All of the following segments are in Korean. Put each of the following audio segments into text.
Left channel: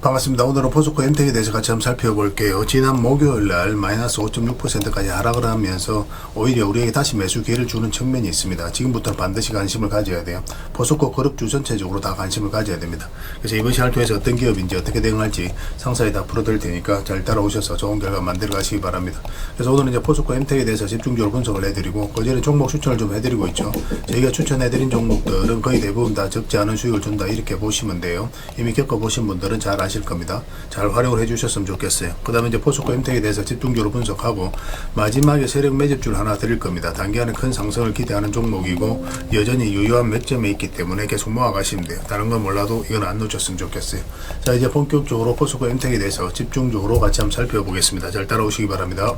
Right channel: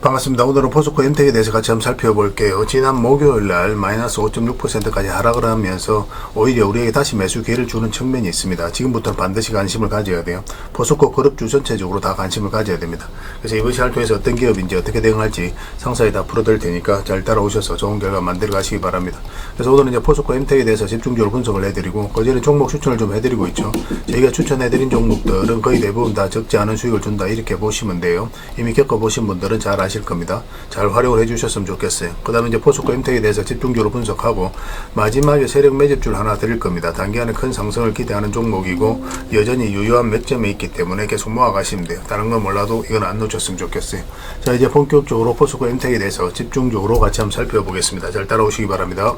반갑습니다. 오늘은 포스코 엠텍에 대해서 같이 한번 살펴볼게요. 지난 목요일날 마이너스 5.6%까지 하락을 하면서 오히려 우리에게 다시 매수 기회를 주는 측면이 있습니다. 지금부터는 반드시 관심을 가져야 돼요. 포스코 그룹주 전체적으로 다 관심을 가져야 됩니다. 그래서 이번 시간을 통해서 어떤 기업인지 어떻게 대응할지 상세히 다 풀어드릴 테니까 잘 따라오셔서 좋은 결과 만들어 가시기 바랍니다. 그래서 오늘은 이제 포스코 엠텍에 대해서 집중적으로 분석을 해드리고 그전에 종목 추천을 좀 해드리고 있죠. 저희가 추천해드린 종목들은 거의 대부분 다 적지 않은 수익을 준다 이렇게 보시면 돼요. 이미 겪어보신 분들은 잘 아실 겁니다. 잘 활용을 해주셨으면 좋겠어요. 그 다음에 이제 포스코 엠텍에 대해서 집중적으로 분석하고 마지막에 세력 매집줄 하나 드릴 겁니다. 단기간에 큰 상승을 기대하는 종목이고 여전히 유효한 맥점에 있기 때문에 계속 모아가시면 돼요. 다른 건 몰라도 이건 안 놓쳤으면 좋겠어요. 자, 이제 본격적으로 포스코 엠텍에 대해서 집중적으로 같이 한번 살펴보겠습니다. 잘 따라오시기 바랍니다.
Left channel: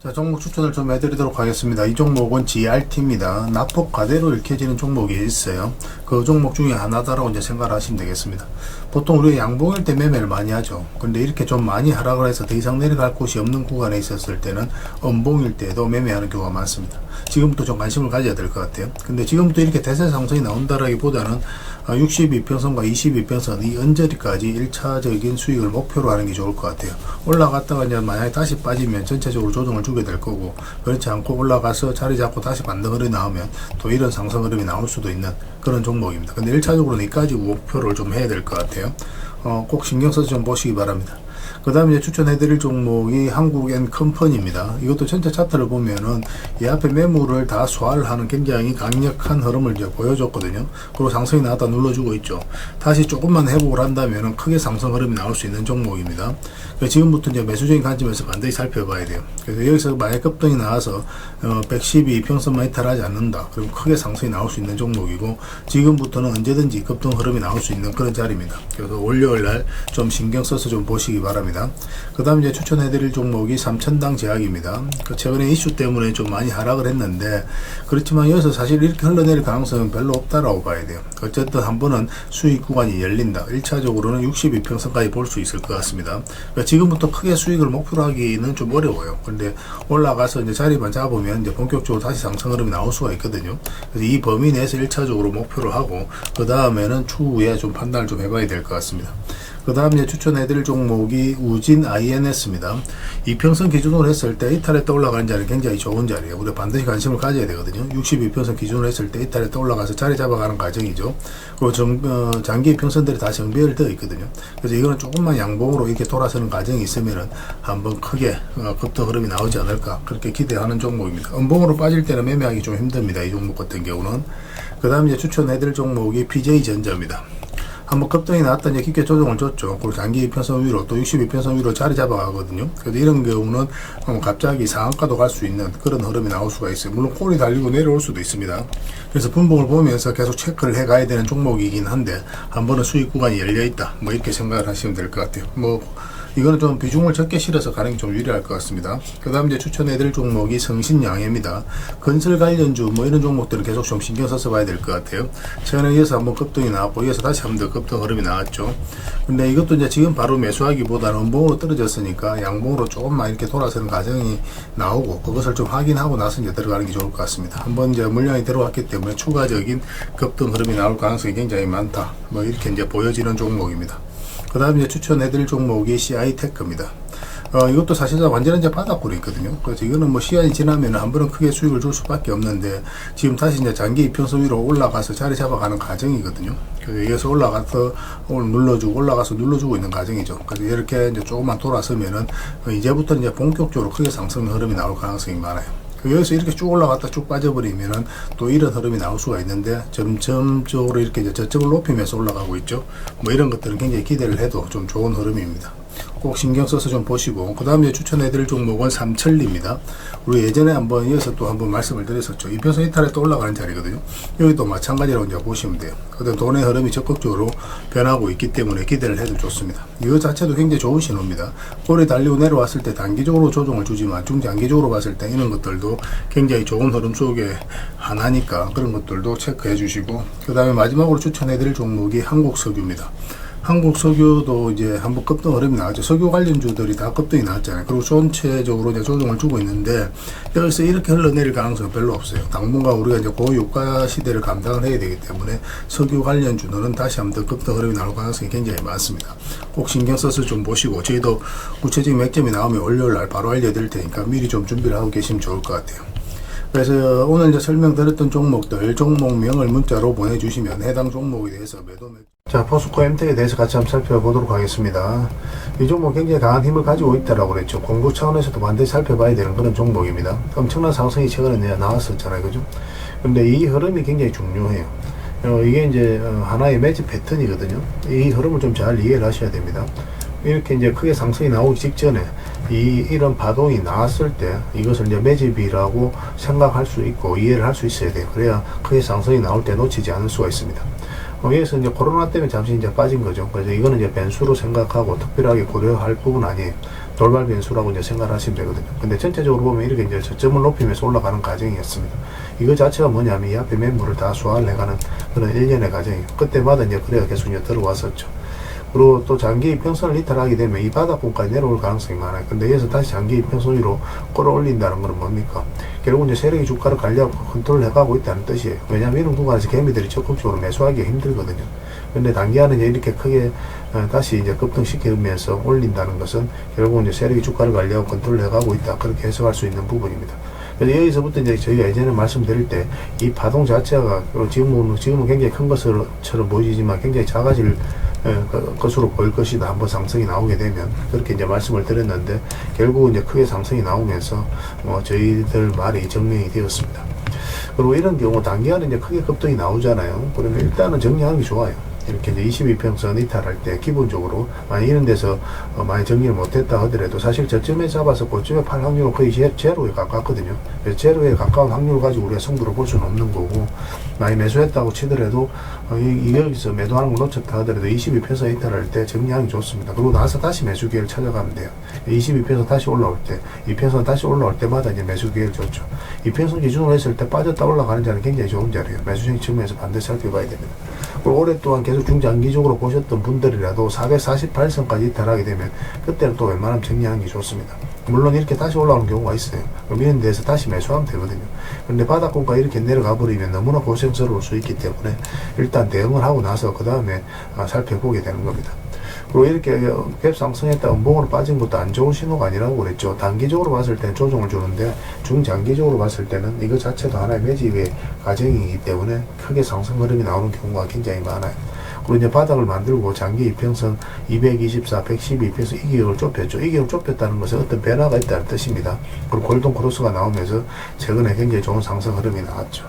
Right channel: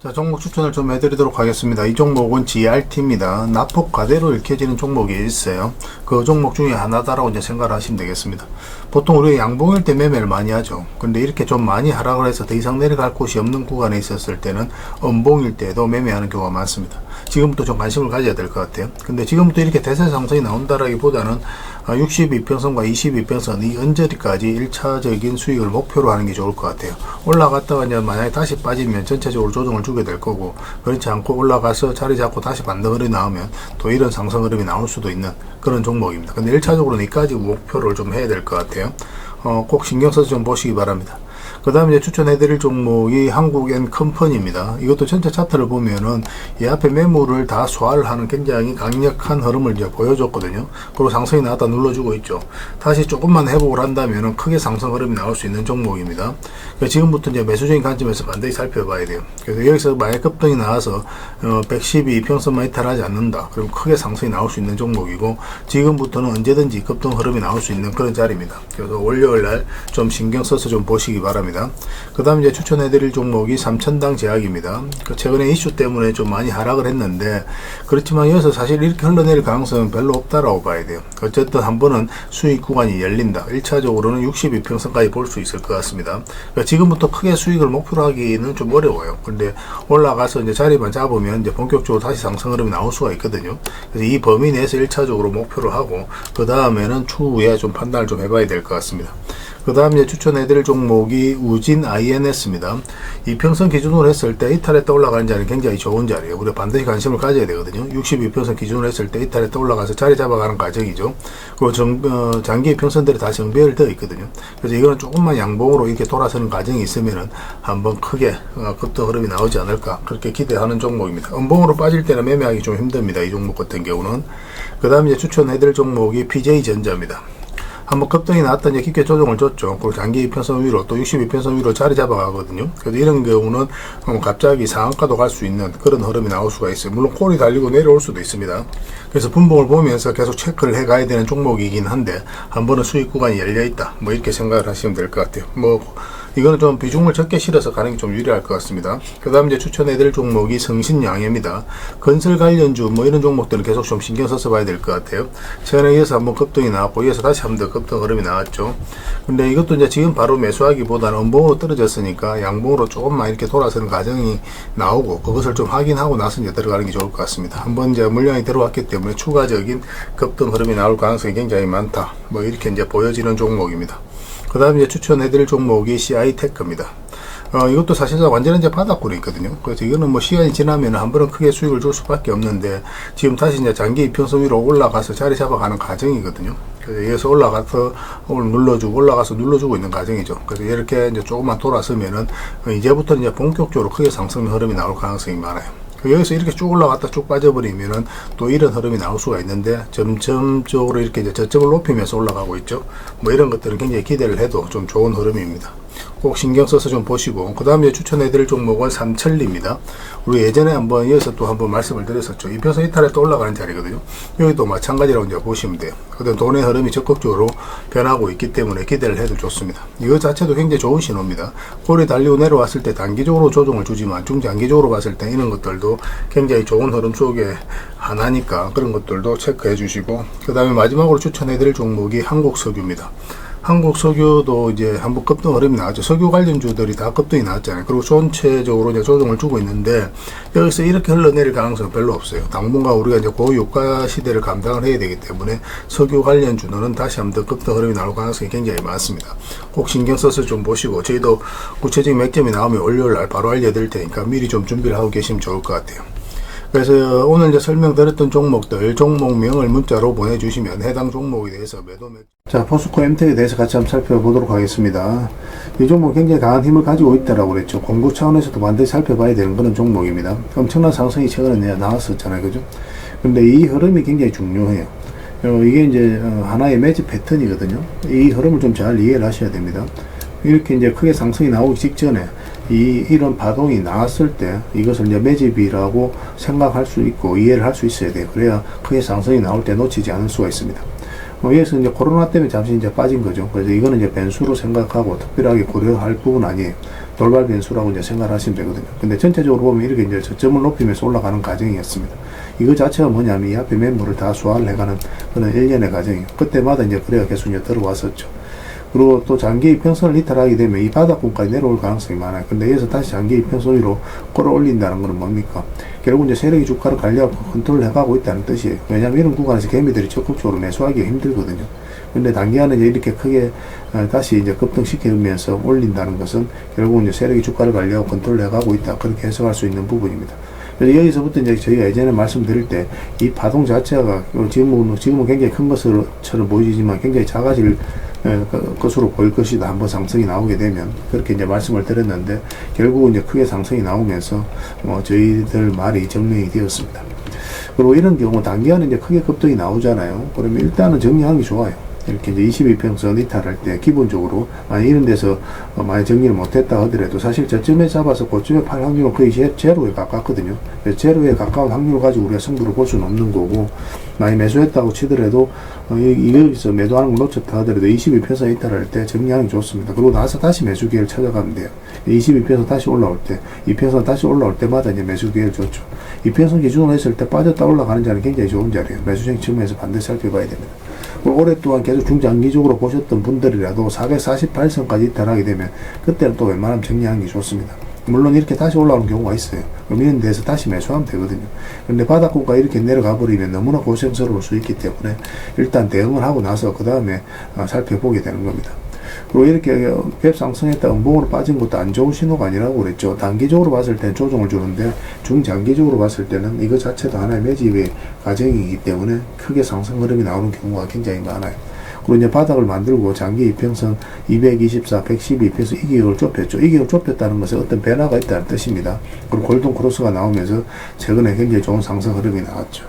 자, 종목 추천을 좀 해드리도록 하겠습니다. 이 종목은 GRT입니다. 낙폭 가대로 읽혀지는 종목이 있어요. 그 종목 중에 하나다라고 이제 생각을 하시면 되겠습니다. 보통 우리가 양봉일 때 매매를 많이 하죠. 근데 이렇게 좀 많이 하락을 해서 더 이상 내려갈 곳이 없는 구간에 있었을 때는 음봉일 때도 매매하는 경우가 많습니다. 지금부터 좀 관심을 가져야 될 것 같아요. 근데 지금부터 이렇게 대세 상승이 나온다라기보다는 62평선과 22평선 이 언저리까지 1차적인 수익을 목표로 하는 게 좋을 것 같아요. 올라갔다가 이제 만약에 다시 빠지면 전체적으로 조정을 주게 될 거고, 그렇지 않고 올라가서 자리 잡고 다시 반등이 나오면 또 이런 상승 흐름이 나올 수도 있는 그런 종목입니다. 근데 1차적으로는 이까지 목표를 좀 해야 될 것 같아요. 꼭 신경 써서 좀 보시기 바랍니다. 그 다음에 추천해드릴 종목이 한국엔컴퍼니입니다. 이것도 전체 차트를 보면은 이 앞에 매물을 다 소화를 하는 굉장히 강력한 흐름을 이제 보여줬거든요. 그리고 상승이 나왔다 눌러주고 있죠. 다시 조금만 회복을 한다면은 크게 상승 흐름이 나올 수 있는 종목입니다. 그러니까 지금부터 이제 매수적인 관점에서 반드시 살펴봐야 돼요. 그래서 여기서 만약 급등이 나와서 112평선만 이탈하지 않는다. 그럼 크게 상승이 나올 수 있는 종목이고, 지금부터는 언제든지 급등 흐름이 나올 수 있는 그런 자리입니다. 그래서 월요일날 좀 신경 써서 좀 보시기 바랍니다. 그 다음 이제 추천해드릴 종목이 삼천당 제약입니다. 최근에 이슈 때문에 좀 많이 하락을 했는데, 그렇지만 여기서 사실 이렇게 흘러내릴 가능성은 별로 없다라고 봐야 돼요. 어쨌든 한 번은 수익 구간이 열린다. 1차적으로는 62평선까지 볼 수 있을 것 같습니다. 그러니까 지금부터 크게 수익을 목표로 하기는 좀 어려워요. 근데 올라가서 이제 자리만 잡으면 이제 본격적으로 다시 상승 흐름이 나올 수가 있거든요. 그래서 이 범위 내에서 1차적으로 목표로 하고, 그 다음에는 추후에 좀 판단을 좀 해봐야 될 것 같습니다. 그 다음 이제 추천해드릴 종목이 우진 INS입니다. 이평선 기준으로 했을 때 이탈했다 올라가는 자리는 굉장히 좋은 자리예요. 우리가 반드시 관심을 가져야 되거든요. 62평선 기준으로 했을 때 이탈했다 올라가서 자리 잡아가는 과정이죠. 그리고 장기 평선들이 다 정비를 되어 있거든요. 그래서 이거는 조금만 양봉으로 이렇게 돌아서는 과정이 있으면은 한번 크게 급등 흐름이 나오지 않을까 그렇게 기대하는 종목입니다. 음봉으로 빠질 때는 매매하기 좀 힘듭니다. 이 종목 같은 경우는. 그 다음 이제 추천해드릴 종목이 PJ전자입니다. 한번 급등이 나왔다 이제 깊게 조정을 줬죠. 그리고 장기 이평선 위로 또 62평선 위로 자리 잡아가거든요. 그래서 이런 경우는 갑자기 상한가도 갈 수 있는 그런 흐름이 나올 수가 있어요. 물론 콜이 달리고 내려올 수도 있습니다. 그래서 분봉을 보면서 계속 체크를 해 가야 되는 종목이긴 한데, 한 번은 수익 구간이 열려있다 뭐 이렇게 생각을 하시면 될 것 같아요. 이거는 좀 비중을 적게 실어서 가는 게 좀 유리할 것 같습니다. 그 다음 이제 추천해드릴 종목이 성신양해입니다. 건설 관련주 이런 종목들은 계속 좀 신경 써서 봐야 될 것 같아요. 최근에 이어서 한번 급등이 나왔고, 이어서 다시 한번 더 급등 흐름이 나왔죠. 근데 이것도 이제 지금 바로 매수하기보다는 음봉으로 떨어졌으니까 양봉으로 조금만 이렇게 돌아서는 과정이 나오고, 그것을 좀 확인하고 나서 이제 들어가는 게 좋을 것 같습니다. 한번 이제 물량이 들어왔기 때문에 추가적인 급등 흐름이 나올 가능성이 굉장히 많다. 이렇게 이제 보여지는 종목입니다. 그 다음 이제 추천해드릴 종목이 CI테크입니다. 이것도 사실상 완전히 이제 바닥구리 있거든요. 그래서 이거는 시간이 지나면 한 번은 크게 수익을 줄 수밖에 없는데, 지금 다시 이제 장기 이평선 위로 올라가서 자리 잡아가는 과정이거든요. 그래서 여기서 올라가서 오늘 눌러주고 올라가서 눌러주고 있는 과정이죠. 그래서 이렇게 이제 조금만 돌아서면은 이제부터 이제 본격적으로 크게 상승 흐름이 나올 가능성이 많아요. 여기서 이렇게 쭉 올라갔다 쭉 빠져버리면은 또 이런 흐름이 나올 수가 있는데, 점점적으로 이렇게 이제 저점을 높이면서 올라가고 있죠. 이런 것들은 굉장히 기대를 해도 좀 좋은 흐름입니다. 꼭 신경 써서 좀 보시고, 그 다음에 추천해드릴 종목은 삼천리입니다. 우리 예전에 한번 이어서 또 한번 말씀을 드렸었죠. 이평선 이탈에 또 올라가는 자리거든요. 여기도 마찬가지라고 이제 보시면 돼요. 근데 돈의 흐름이 적극적으로 변하고 있기 때문에 기대를 해도 좋습니다. 이거 자체도 굉장히 좋은 신호입니다. 꼴이 달리고 내려왔을 때 단기적으로 조정을 주지만 중장기적으로 봤을 때 이런 것들도 굉장히 좋은 흐름 속에 하나니까 그런 것들도 체크해 주시고, 그 다음에 마지막으로 추천해드릴 종목이 한국석유입니다. 한국 석유도 이제 한번 급등 흐름이 나왔죠. 석유 관련주들이 다 급등이 나왔잖아요. 그리고 전체적으로 이제 조정을 주고 있는데 여기서 이렇게 흘러내릴 가능성은 별로 없어요. 당분간 우리가 이제 고유가 시대를 감당을 해야 되기 때문에 석유 관련주들은 다시 한번 더 급등 흐름이 나올 가능성이 굉장히 많습니다. 꼭 신경 써서 좀 보시고 저희도 구체적인 맥점이 나오면 월요일날 바로 알려드릴 테니까 미리 좀 준비를 하고 계시면 좋을 것 같아요. 그래서 오늘 이제 설명드렸던 종목들 종목명을 문자로 보내주시면 해당 종목에 대해서 자, 포스코 MT에 대해서 같이 한번 살펴보도록 하겠습니다. 이 종목 굉장히 강한 힘을 가지고 있다라고 그랬죠. 공부 차원에서도 반드시 살펴봐야 되는 그런 종목입니다. 엄청난 상승이 최근에 나왔었잖아요, 그죠? 근데 이 흐름이 굉장히 중요해요. 이게 이제 하나의 매집 패턴이거든요. 이 흐름을 좀 잘 이해를 하셔야 됩니다. 이렇게 이제 크게 상승이 나오기 직전에 이런 파동이 나왔을 때 이것을 이제 매집이라고 생각할 수 있고 이해를 할 수 있어야 돼요. 그래야 크게 상승이 나올 때 놓치지 않을 수가 있습니다. 여기서 이제 코로나 때문에 잠시 이제 빠진 거죠. 그래서 이거는 이제 변수로 생각하고 특별하게 고려할 부분 아니에요. 돌발 변수라고 이제 생각하시면 되거든요. 근데 전체적으로 보면 이렇게 이제 저점을 높이면서 올라가는 과정이었습니다. 이거 자체가 뭐냐면 이 앞에 매물을 다 소화를 해가는 그런 일련의 과정이에요. 그때마다 이제 그래야 계속 이제 들어왔었죠. 그리고 또 장기 이평선을 이탈하게 되면 이 바닥권까지 내려올 가능성이 많아요. 근데 여기서 다시 장기 이평선 위로 끌어올린다는 건 뭡니까? 결국 이제 세력이 주가를 관리하고 컨트롤 해가고 있다는 뜻이에요. 왜냐하면 이런 구간에서 개미들이 적극적으로 매수하기가 힘들거든요. 근데 단기간에 이제 이렇게 크게 다시 이제 급등시키면서 올린다는 것은 결국 이제 세력이 주가를 관리하고 컨트롤 해가고 있다. 그렇게 해석할 수 있는 부분입니다. 그래서 여기서부터 이제 저희가 예전에 말씀드릴 때 이 파동 자체가 지금은 굉장히 큰 것처럼 보이지만 굉장히 작아질 것으로 보일 것이다. 한번 상승이 나오게 되면 그렇게 이제 말씀을 드렸는데 결국은 이제 크게 상승이 나오면서 저희들 말이 증명이 되었습니다. 그리고 이런 경우 단기간에 이제 크게 급등이 나오잖아요. 그러면 일단은 정리하는 게 좋아요. 이렇게 이제 22평선 이탈할 때 기본적으로 만약 이런 데서 많이 정리를 못했다 하더라도 사실 저점에 잡아서 고점에 팔 확률은 거의 제로에 가깝거든요. 그래서 제로에 가까운 확률을 가지고 우리가 승부를 볼 수는 없는 거고 많이 매수했다고 치더라도 여기서 매도하는 걸 놓쳤다 하더라도 22평선 이탈할 때 정리하는 게 좋습니다. 그리고 나서 다시 매수 기회를 찾아가면 돼요. 22평선 다시 올라올 때 2평선 다시 올라올 때마다 이제 매수 기회를 줬죠. 2평선 기준으로 했을 때 빠졌다 올라가는 자리는 굉장히 좋은 자리예요. 매수적인 측면에서 반드시 살펴봐야 됩니다. 그리고 오랫동안 계속 중장기적으로 보셨던 분들이라도 448선까지 이탈하게 되면 그때는 또 웬만하면 정리하는 게 좋습니다. 물론 이렇게 다시 올라오는 경우가 있어요. 그럼 이런 데서 다시 매수하면 되거든요. 근데 바닥권가 이렇게 내려가 버리면 너무나 고생스러울 수 있기 때문에 일단 대응을 하고 나서 그 다음에 살펴보게 되는 겁니다. 그리고 이렇게 갭 상승했다 음봉으로 빠진 것도 안 좋은 신호가 아니라고 그랬죠. 단기적으로 봤을 때는 조정을 주는데 중장기적으로 봤을 때는 이거 자체도 하나의 매집의 과정이기 때문에 크게 상승 흐름이 나오는 경우가 굉장히 많아요. 그리고 이제 바닥을 만들고 장기 이평선 224, 112에서 2개월 좁혔죠. 2개월 좁혔다는 것은 어떤 변화가 있다는 뜻입니다. 그리고 골든 크로스가 나오면서 최근에 굉장히 좋은 상승 흐름이 나왔죠.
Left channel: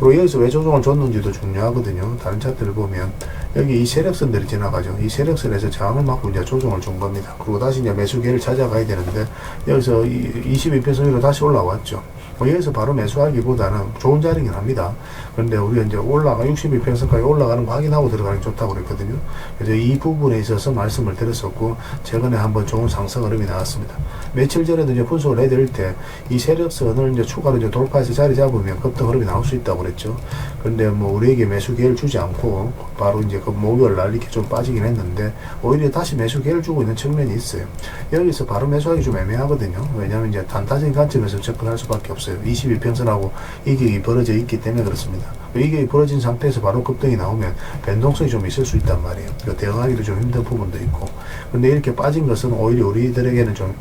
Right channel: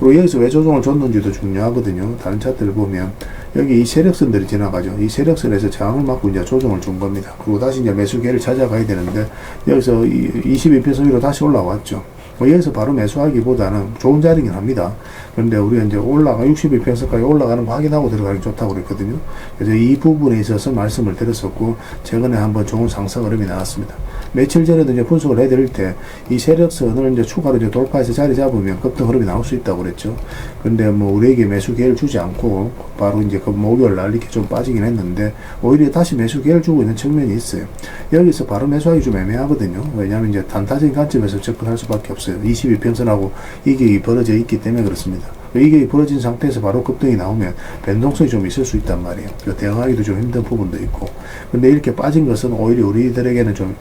그리고 여기서 왜 조정을 줬는지도 중요하거든요. 다른 차트를 보면 여기 이 세력선들이 지나가죠. 이 세력선에서 저항을 맞고 이제 조정을 준 겁니다. 그리고 다시 이제 매수기를 찾아가야 되는데 여기서 22평선 위로 다시 올라왔죠. 여기서 바로 매수하기보다는 좋은 자리긴 합니다. 그런데 우리가 이제 62평선까지 올라가는 거 확인하고 들어가는 게 좋다고 그랬거든요. 그래서 이 부분에 있어서 말씀을 드렸었고, 최근에 한번 좋은 상승 흐름이 나왔습니다. 며칠 전에도 이제 분석을 해드릴 때, 이 세력선을 이제 추가로 이제 돌파해서 자리 잡으면 급등 흐름이 나올 수 있다고 그랬죠. 그런데 뭐 우리에게 매수 기회를 주지 않고, 바로 이제 그 목요일 날 이렇게 좀 빠지긴 했는데, 오히려 다시 매수 기회를 주고 있는 측면이 있어요. 여기서 바로 매수하기 좀 애매하거든요. 왜냐하면 이제 단타적인 관점에서 접근할 수밖에 없어요. 22평선하고 이격이 벌어져 있기 때문에 그렇습니다. 이격이 벌어진 상태에서 바로 급등이 나오면 변동성이 좀 있을 수 있단 말이에요. 대응하기도 좀 힘든 부분도 있고. 근데 이렇게 빠진 것은 오히려 우리들에게는 좀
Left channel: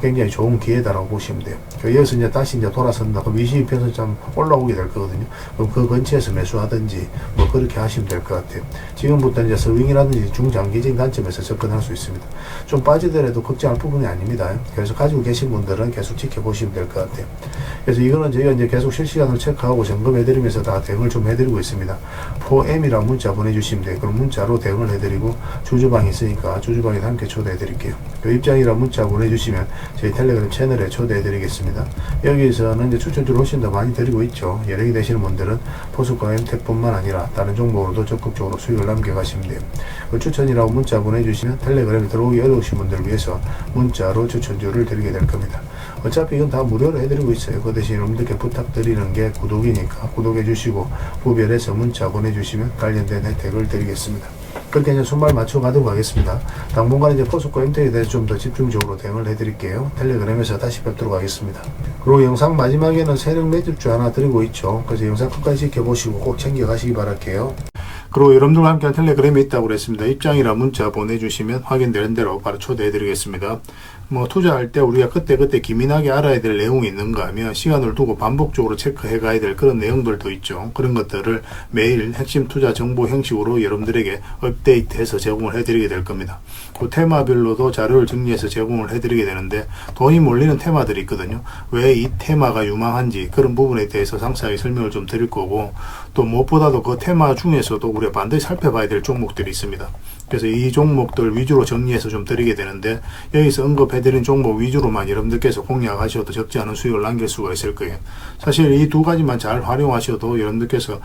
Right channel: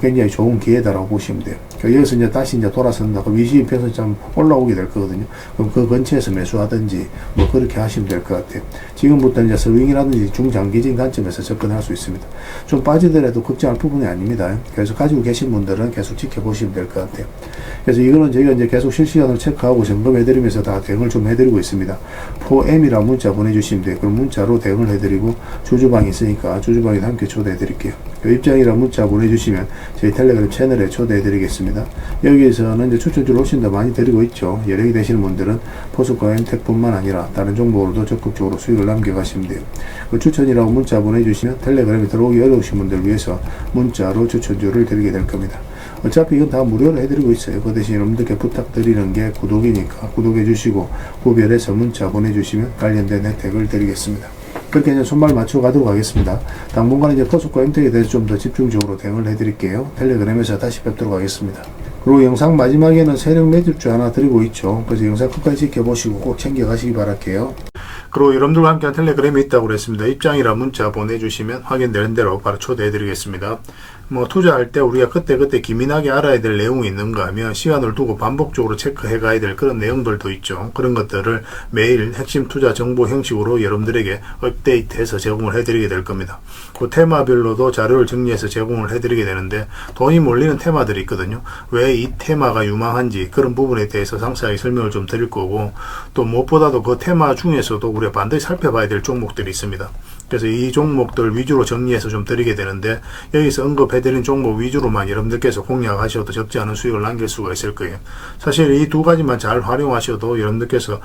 굉장히 좋은 기회다라고 보시면 돼요. 여기서 이제 다시 이제 돌아선다. 그럼 22평선 좀 올라오게 될 거거든요. 그럼 그 근처에서 매수하든지 뭐 그렇게 하시면 될 것 같아요. 지금부터 이제 스윙이라든지 중장기적인 관점에서 접근할 수 있습니다. 좀 빠지더라도 걱정할 부분이 아닙니다. 그래서 가지고 계신 분들은 계속 지켜보시면 될 것 같아요. 그래서 이거는 저희가 이제 계속 실시간으로 체크하고 점검해드리면서 다 대응을 좀 해드리고 있습니다. 4M이라고 문자 보내주시면 돼요. 그럼 문자로 대응을 해드리고 주주방이 있으니까 주주방에도 함께 초대해드릴게요. 입장이라 문자 보내주시면 저희 텔레그램 채널에 초대해드리겠습니다. 여기에서는 이제 추천주를 훨씬 더 많이 드리고 있죠. 여력이 되시는 분들은 포스코 엠텍뿐만 아니라 다른 종목으로도 적극적으로 수익을 남겨가시면 돼요. 그 추천이라고 문자 보내주시면 텔레그램에 들어오기 어려우신 분들 위해서 문자로 추천주를 드리게 될 겁니다. 어차피 이건 다 무료로 해드리고 있어요. 그 대신 여러분들께 부탁드리는 게 구독이니까 구독해 주시고 구별해서 문자 보내주시면 관련된 혜택을 드리겠습니다. 그렇게 이제 손발 맞춰 가도록 하겠습니다. 당분간 이제 포스코 엠텍에 대해서 좀 더 집중적으로 대응을 해드릴게요. 텔레그램에서 다시 뵙도록 하겠습니다. 그리고 영상 마지막에는 세력 매집주 하나 드리고 있죠. 그래서 영상 끝까지 지켜보시고 꼭 챙겨가시기 바랄게요. 그리고 여러분들과 함께한 텔레그램이 있다고 그랬습니다. 입장이라 문자 보내주시면 확인되는 대로 바로 초대해드리겠습니다. 뭐 투자할 때 우리가 그때그때 기민하게 알아야 될 내용이 있는가 하면 시간을 두고 반복적으로 체크해 가야 될 그런 내용들도 있죠. 그런 것들을 매일 핵심 투자 정보 형식으로 여러분들에게 업데이트해서 제공을 해드리게 될 겁니다. 그 테마별로도 자료를 정리해서 제공을 해드리게 되는데 돈이 몰리는 테마들이 있거든요. 왜 이 테마가 유망한지 그런 부분에 대해서 상세하게 설명을 좀 드릴 거고, 또 무엇보다도 그 테마 중에서도 우리가 반드시 살펴봐야 될 종목들이 있습니다. 그래서 이 종목들 위주로 정리해서 좀 드리게 되는데, 여기서 언급해드린 종목 위주로만 여러분들께서 공략하셔도 적지 않은 수익을 남길 수가 있을 거예요. 사실 이 두 가지만 잘 활용하셔도 여러분들께서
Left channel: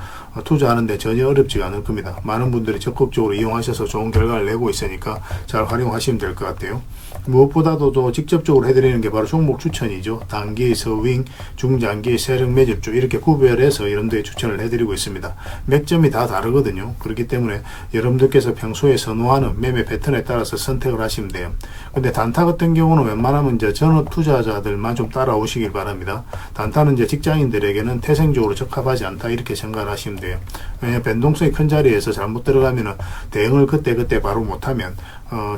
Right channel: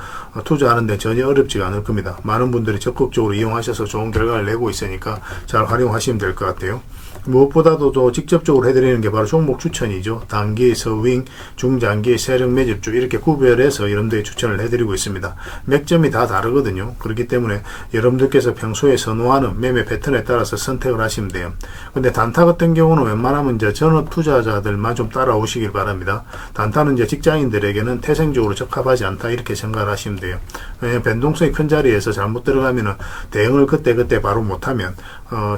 투자하는데 전혀 어렵지가 않을 겁니다. 많은 분들이 적극적으로 이용하셔서 좋은 결과를 내고 있으니까 잘 활용하시면 될 것 같아요. 무엇보다도 또 직접적으로 해드리는 게 바로 종목 추천이죠. 단기, 서윙, 중장기, 세력 매집주 이렇게 구별해서 여러분들이 추천을 해드리고 있습니다. 맥점이 다 다르거든요. 그렇기 때문에 여러분들께서 평소에 선호하는 매매 패턴에 따라서 선택을 하시면 돼요. 근데 단타 같은 경우는 웬만하면 이제 전업 투자자들만 좀 따라오시길 바랍니다. 단타는 이제 직장인들에게는 태생적으로 적합하지 않다 이렇게 생각을 하시면 돼요. 왜냐하면 변동성이 큰 자리에서 잘못 들어가면은 대응을 그때 바로 못하면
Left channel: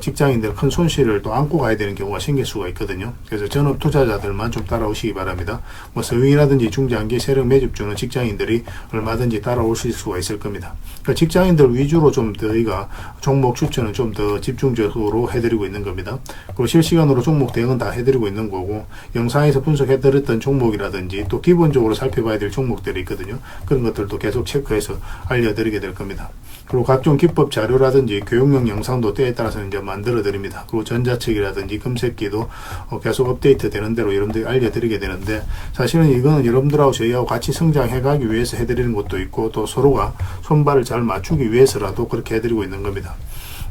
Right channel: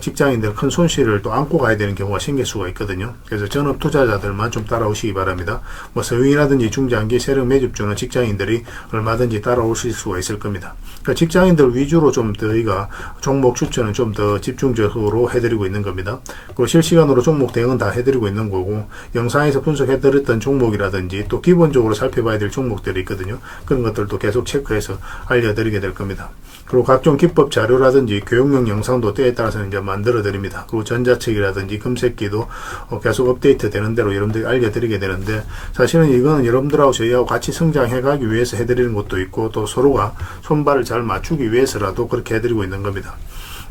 직장인들 큰 손실을 또 안고 가야 되는 경우가 생길 수가 있거든요. 그래서 전업 투자자들만 좀 따라오시기 바랍니다. 뭐 서윙이라든지 중장기 세력 매집주는 직장인들이 얼마든지 따라오실 수가 있을 겁니다. 그러니까 직장인들 위주로 좀 저희가 종목 추천은 좀 더 집중적으로 해드리고 있는 겁니다. 그리고 실시간으로 종목 대응은 다 해드리고 있는 거고, 영상에서 분석해드렸던 종목이라든지 또 기본적으로 살펴봐야 될 종목들이 있거든요. 그런 것들도 계속 체크해서 알려드리게 될 겁니다. 그리고 각종 기법 자료라든지 교육용 영상도 때에 따라서 이제 만들어 드립니다. 그리고 전자책이라든지 금색기도 계속 업데이트 되는 대로 여러분들이 알려드리게 되는데, 사실은 이거는 여러분들하고 저희하고 같이 성장해 가기 위해서 해드리는 것도 있고, 또 서로가 손발을 잘 맞추기 위해서라도 그렇게 해드리고 있는 겁니다.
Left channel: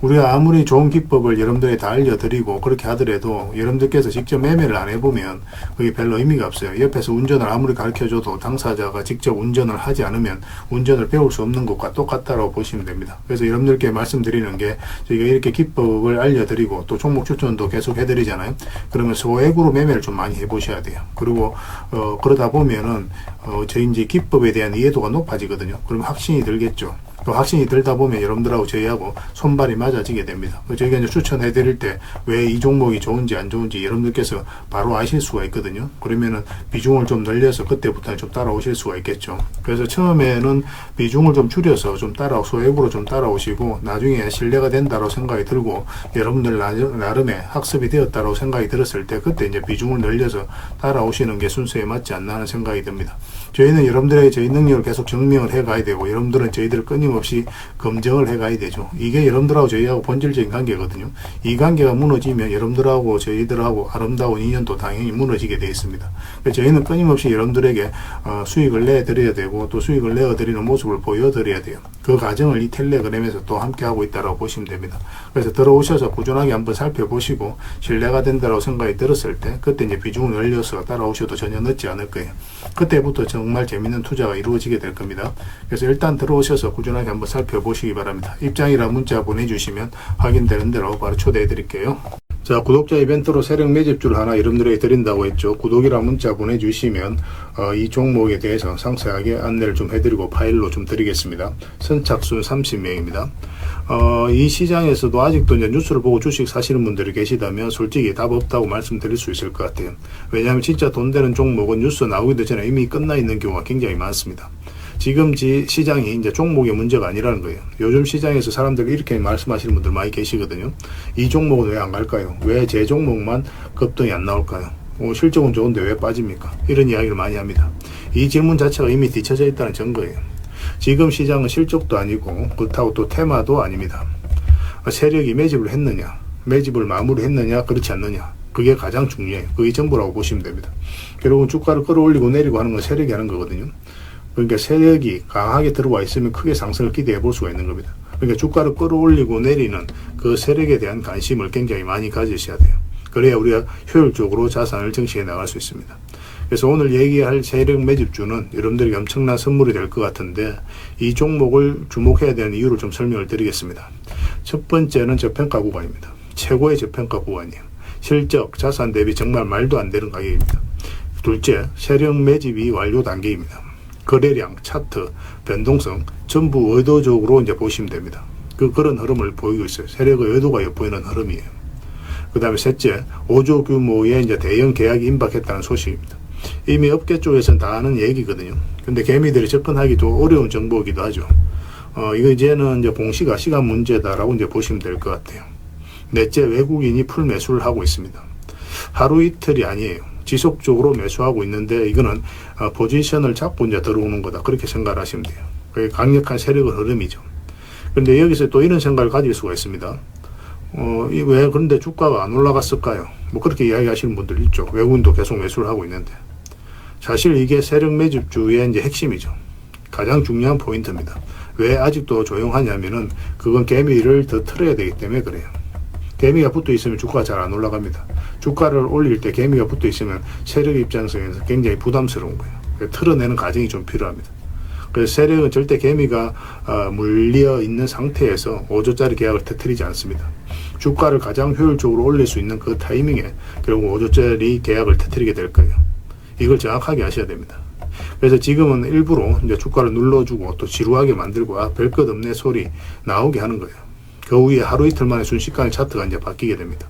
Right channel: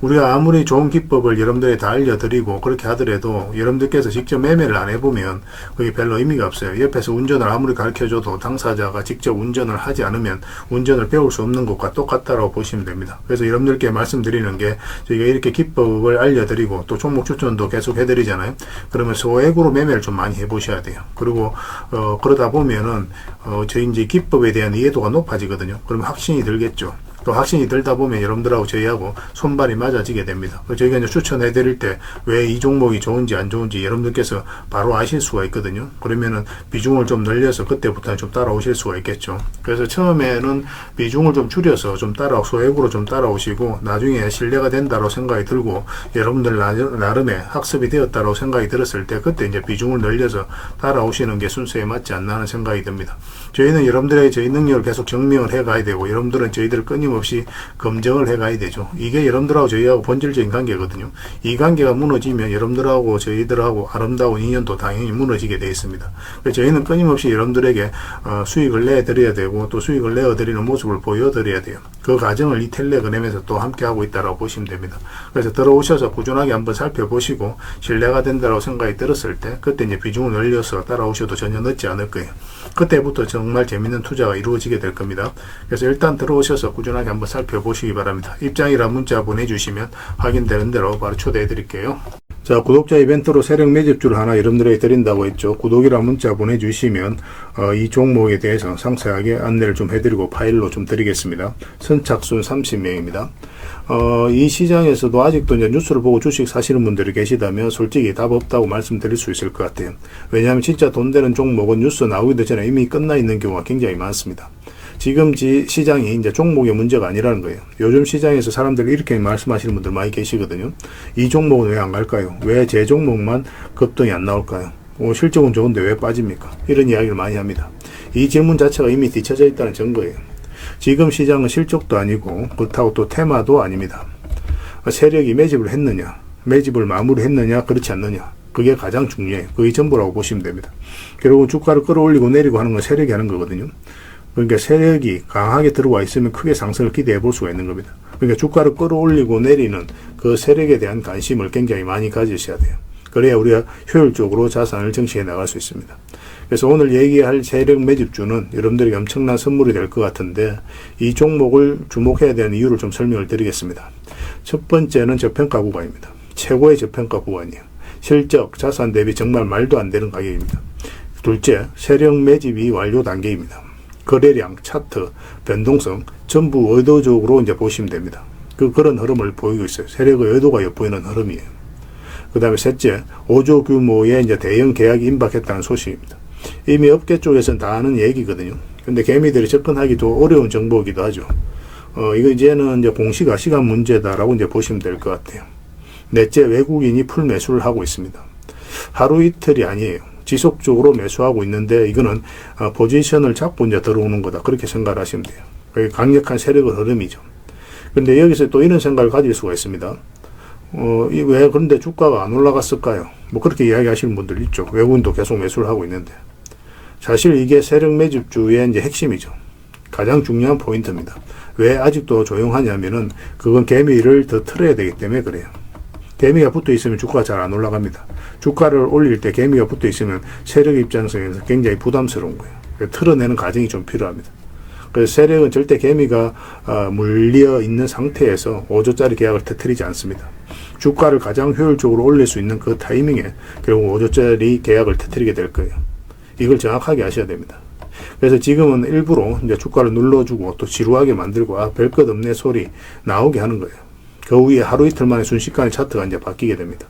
우리가 아무리 좋은 기법을 여러분들에 다 알려드리고 그렇게 하더라도 여러분들께서 직접 매매를 안 해보면 그게 별로 의미가 없어요. 옆에서 운전을 아무리 가르쳐줘도 당사자가 직접 운전을 하지 않으면 운전을 배울 수 없는 것과 똑같다고 보시면 됩니다. 그래서 여러분들께 말씀드리는 게, 저희가 이렇게 기법을 알려드리고 또 종목 추천도 계속 해드리잖아요. 그러면 소액으로 매매를 좀 많이 해보셔야 돼요. 그리고 그러다 보면은 저희 이제 기법에 대한 이해도가 높아지거든요. 그러면 확신이 들겠죠. 또 확신이 들다 보면 여러분들하고 저희하고 손발이 맞아지게 됩니다. 저희가 이제 추천해 드릴 때 왜 이 종목이 좋은지 안 좋은지 여러분들께서 바로 아실 수가 있거든요. 그러면은 비중을 좀 늘려서 그때부터 좀 따라오실 수가 있겠죠. 그래서 처음에는 비중을 좀 줄여서 좀 소액으로 좀 따라오시고, 나중에 신뢰가 된다고 생각이 들고 여러분들 나름의 학습이 되었다고 생각이 들었을 때 그때 이제 비중을 늘려서 따라오시는 게 순서에 맞지 않나 하는 생각이 듭니다. 저희는 여러분들의 저희 능력을 계속 증명을 해 가야 되고, 여러분들은 저희들을 끊임없이 검증을 해 가야 되죠. 이게 여러분들하고 저희하고 본질적인 관계거든요. 이 관계가 무너지면 여러분들하고 저희들하고 아름다운 인연도 당연히 무너지게 되어 있습니다. 그래서 저희는 끊임없이 여러분들에게 수익을 내드려야 되고, 또 수익을 내어드리는 모습을 보여드려야 돼요. 그 과정을 이 텔레그램에서 또 함께 하고 있다고 보시면 됩니다. 그래서 들어오셔서 꾸준하게 한번 살펴보시고 신뢰가 된다고 생각이 들었을 때 그때 이제 비중을 늘려서 따라오셔도 전혀 늦지 않을 거예요. 그때부터 정말 재밌는 투자가 이루어지게 될 겁니다. 그래서 일단 들어오셔서 꾸준하게 한번 살펴보시기 바랍니다. 입장이라 문자 보내주시면 확인되는 대로 바로 초대해 드릴게요. 자, 구독자 이벤트로 세력 매집주를 하나 여러분들에게 드린다고 했죠. 구독이랑 문자 보내주시면 이 종목에 대해서 상세하게 안내를 좀 해드리고 파일로 좀 드리겠습니다. 선착순 30명입니다. 이 시장에서도 아직도 이제 뉴스를 보고 주식 사시는 분들이 계시다면 솔직히 답 없다고 말씀드릴 수 있을 것 같아요. 왜냐하면 진짜 돈 되는 종목은 뉴스 나오기도 전에 이미 끝나 있는 경우가 굉장히 많습니다. 지금 시장이 이제 종목의 문제가 아니라는 거예요. 요즘 시장에서 사람들이 이렇게 말씀하시는 분들 많이 계시거든요. 이 종목은 왜 안 갈까요? 왜 제 종목만 급등이 안 나올까요? 실적은 좋은데 왜 빠집니까? 이런 이야기를 많이 합니다. 이 질문 자체가 이미 뒤쳐져 있다는 증거예요. 지금 시장은 실적도 아니고 그렇다고 또 테마도 아닙니다. 세력이 매집을 했느냐, 매집을 마무리했느냐, 그렇지 않느냐, 그게 가장 중요해요. 그게 전부라고 보시면 됩니다. 결국 주가를 끌어올리고 내리고 하는 건 세력이 하는 거거든요. 그러니까 세력이 강하게 들어와 있으면 크게 상승을 기대해 볼 수가 있는 겁니다. 그러니까 주가를 끌어올리고 내리는 그 세력에 대한 관심을 굉장히 많이 가지셔야 돼요. 그래야 우리가 효율적으로 자산을 정치해 나갈 수 있습니다. 그래서 오늘 얘기할 세력 매집주는 여러분들에게 엄청난 선물이 될 것 같은데 이 종목을 주목해야 되는 이유를 좀 설명을 드리겠습니다. 첫 번째는 저평가 구간입니다. 최고의 저평가 구간이에요. 실적, 자산 대비 정말 말도 안 되는 가격입니다. 둘째, 세력 매집이 완료 단계입니다. 거래량, 차트, 변동성 전부 의도적으로 이제 보시면 됩니다. 그런 흐름을 보이고 있어요. 세력의 의도가 엿보이는 흐름이에요. 그 다음에 셋째, 5조 규모의 이제 대형 계약이 임박했다는 소식입니다. 이미 업계 쪽에서는 다 아는 얘기거든요. 근데 개미들이 접근하기도 어려운 정보이기도 하죠. 이거 이제는 이제 공시가 시간 문제다라고 이제 보시면 될 것 같아요. 넷째, 외국인이 풀 매수를 하고 있습니다. 하루 이틀이 아니에요. 지속적으로 매수하고 있는데 이거는 포지션을 잡고 이제 들어오는 거다. 그렇게 생각을 하시면 돼요. 그게 강력한 세력의 흐름이죠. 근데 여기서 또 이런 생각을 가질 수가 있습니다. 왜 그런데 주가가 안 올라갔을까요? 뭐 그렇게 이야기하시는 분들 있죠. 외국인도 계속 매수를 하고 있는데. 사실 이게 세력 매집주의 이제 핵심이죠. 가장 중요한 포인트입니다. 왜 아직도 조용하냐면은 그건 개미를 더 틀어야 되기 때문에 그래요. 개미가 붙어 있으면 주가가 잘 안 올라갑니다. 주가를 올릴 때 개미가 붙어 있으면 세력 입장에서 굉장히 부담스러운 거예요. 틀어내는 과정이 좀 필요합니다. 그래서 세력은 절대 개미가 물려 있는 상태에서 5조짜리 계약을 터뜨리지 않습니다. 주가를 가장 효율적으로 올릴 수 있는 그 타이밍에 결국 5조짜리 계약을 터뜨리게 될 거예요. 이걸 정확하게 아셔야 됩니다. 그래서 지금은 일부러 이제 주가를 눌러주고 또 지루하게 만들고 별 것 없네 소리 나오게 하는 거예요. 그 후에 하루 이틀 만에 순식간에 차트가 이제 바뀌게 됩니다.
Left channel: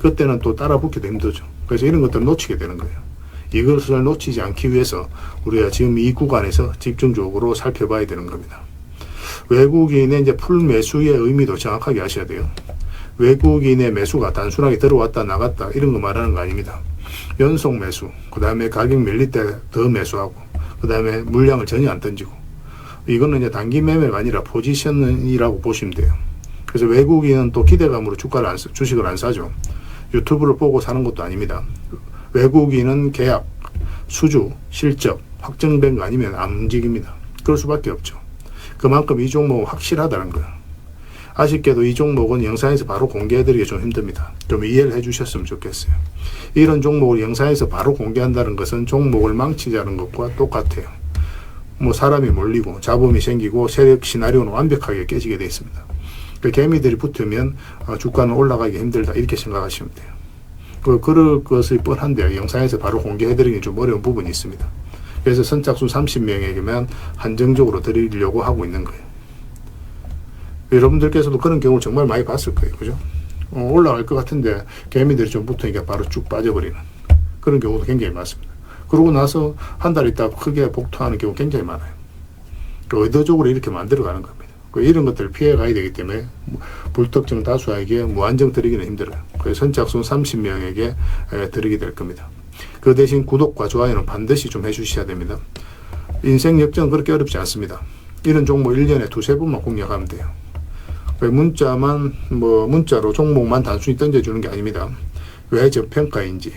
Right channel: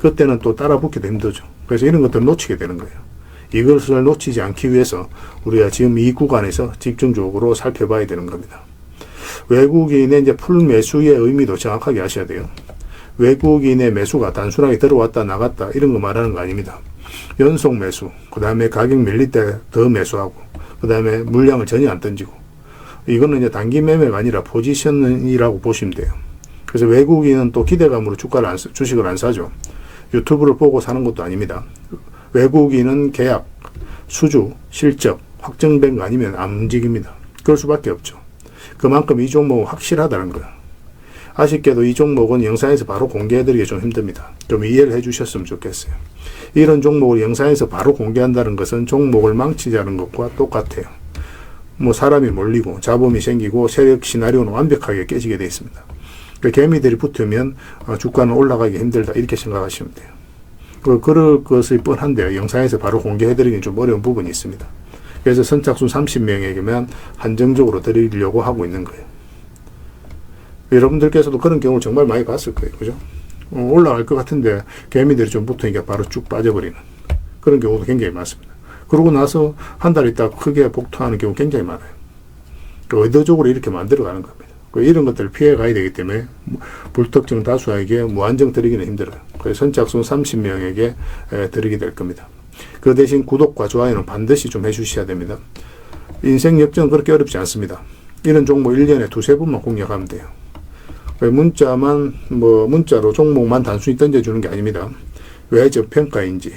그때는 또 따라 붙기도 힘들죠. 그래서 이런 것들을 놓치게 되는 거예요. 이것을 놓치지 않기 위해서 우리가 지금 이 구간에서 집중적으로 살펴봐야 되는 겁니다. 외국인의 이제 풀 매수의 의미도 정확하게 아셔야 돼요. 외국인의 매수가 단순하게 들어왔다 나갔다 이런 거 말하는 거 아닙니다. 연속 매수, 그 다음에 가격 밀릴 때 더 매수하고, 그 다음에 물량을 전혀 안 던지고, 이거는 이제 단기 매매가 아니라 포지션이라고 보시면 돼요. 그래서 외국인은 또 기대감으로 주식을 안 사죠. 유튜브를 보고 사는 것도 아닙니다. 외국인은 계약, 수주, 실적 확정된 거 아니면 안 움직입니다. 그럴 수밖에 없죠. 그만큼 이 종목은 확실하다는 거예요. 아쉽게도 이 종목은 영상에서 바로 공개해드리기 좀 힘듭니다. 좀 이해를 해주셨으면 좋겠어요. 이런 종목을 영상에서 바로 공개한다는 것은 종목을 망치자는 것과 똑같아요. 뭐 사람이 몰리고 잡음이 생기고 세력 시나리오는 완벽하게 깨지게 되어 있습니다. 그러니까 개미들이 붙으면 주가는 올라가기 힘들다 이렇게 생각하시면 돼요. 그럴 것이 뻔한데요. 영상에서 바로 공개해드리기 좀 어려운 부분이 있습니다. 그래서 선착순 30명에게만 한정적으로 드리려고 하고 있는 거예요. 여러분들께서도 그런 경우를 정말 많이 봤을 거예요. 그죠? 올라갈 것 같은데 개미들이 좀 붙으니까 바로 쭉 빠져버리는 그런 경우도 굉장히 많습니다. 그러고 나서 한 달 있다가 크게 복토하는 경우 굉장히 많아요. 의도적으로 이렇게 만들어가는 겁니다. 이런 것들을 피해 가야 되기 때문에 불특정 다수에게 무한정 드리기는 힘들어요. 그래서 선착순 30명에게 드리게 될 겁니다. 그 대신 구독과 좋아요는 반드시 좀 해주셔야 됩니다. 인생 역전 그렇게 어렵지 않습니다. 이런 종목 1년에 두세 번만 공략하면 돼요. 문자로 종목만 단순히 던져주는 게 아닙니다. 왜 저평가인지,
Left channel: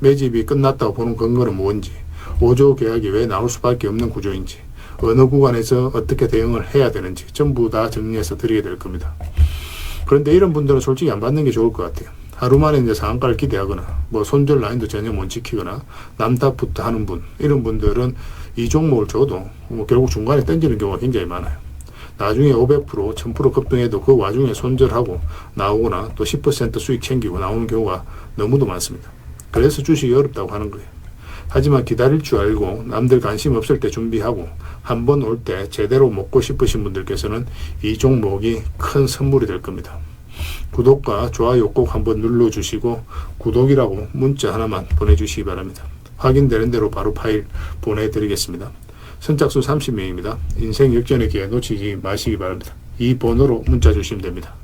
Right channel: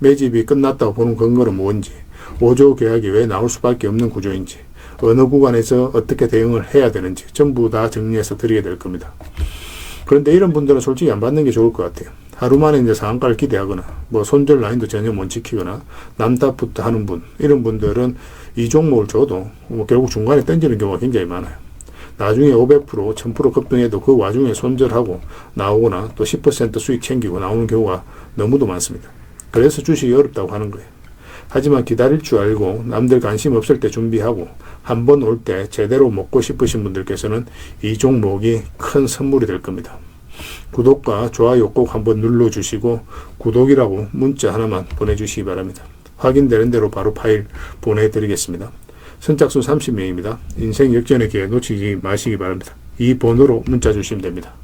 매집이 끝났다고 보는 근거는 뭔지, 5조 계약이 왜 나올 수밖에 없는 구조인지, 어느 구간에서 어떻게 대응을 해야 되는지 전부 다 정리해서 드리게 될 겁니다. 그런데 이런 분들은 솔직히 안 받는 게 좋을 것 같아요. 하루 만에 이제 상한가를 기대하거나 손절 라인도 전혀 못 지키거나 남답부터 하는 분, 이런 분들은 이 종목을 줘도 결국 중간에 던지는 경우가 굉장히 많아요. 나중에 500%, 1000% 급등해도 그 와중에 손절하고 나오거나 또 10% 수익 챙기고 나오는 경우가 너무도 많습니다. 그래서 주식이 어렵다고 하는 거예요. 하지만 기다릴 줄 알고 남들 관심 없을 때 준비하고 한 번 올 때 제대로 먹고 싶으신 분들께서는 이 종목이 큰 선물이 될 겁니다. 구독과 좋아요 꼭 한번 눌러주시고 구독이라고 문자 하나만 보내주시기 바랍니다. 확인되는 대로 바로 파일 보내드리겠습니다. 선착순 30명입니다. 인생 역전의 기회 놓치지 마시기 바랍니다. 이 번호로 문자 주시면 됩니다.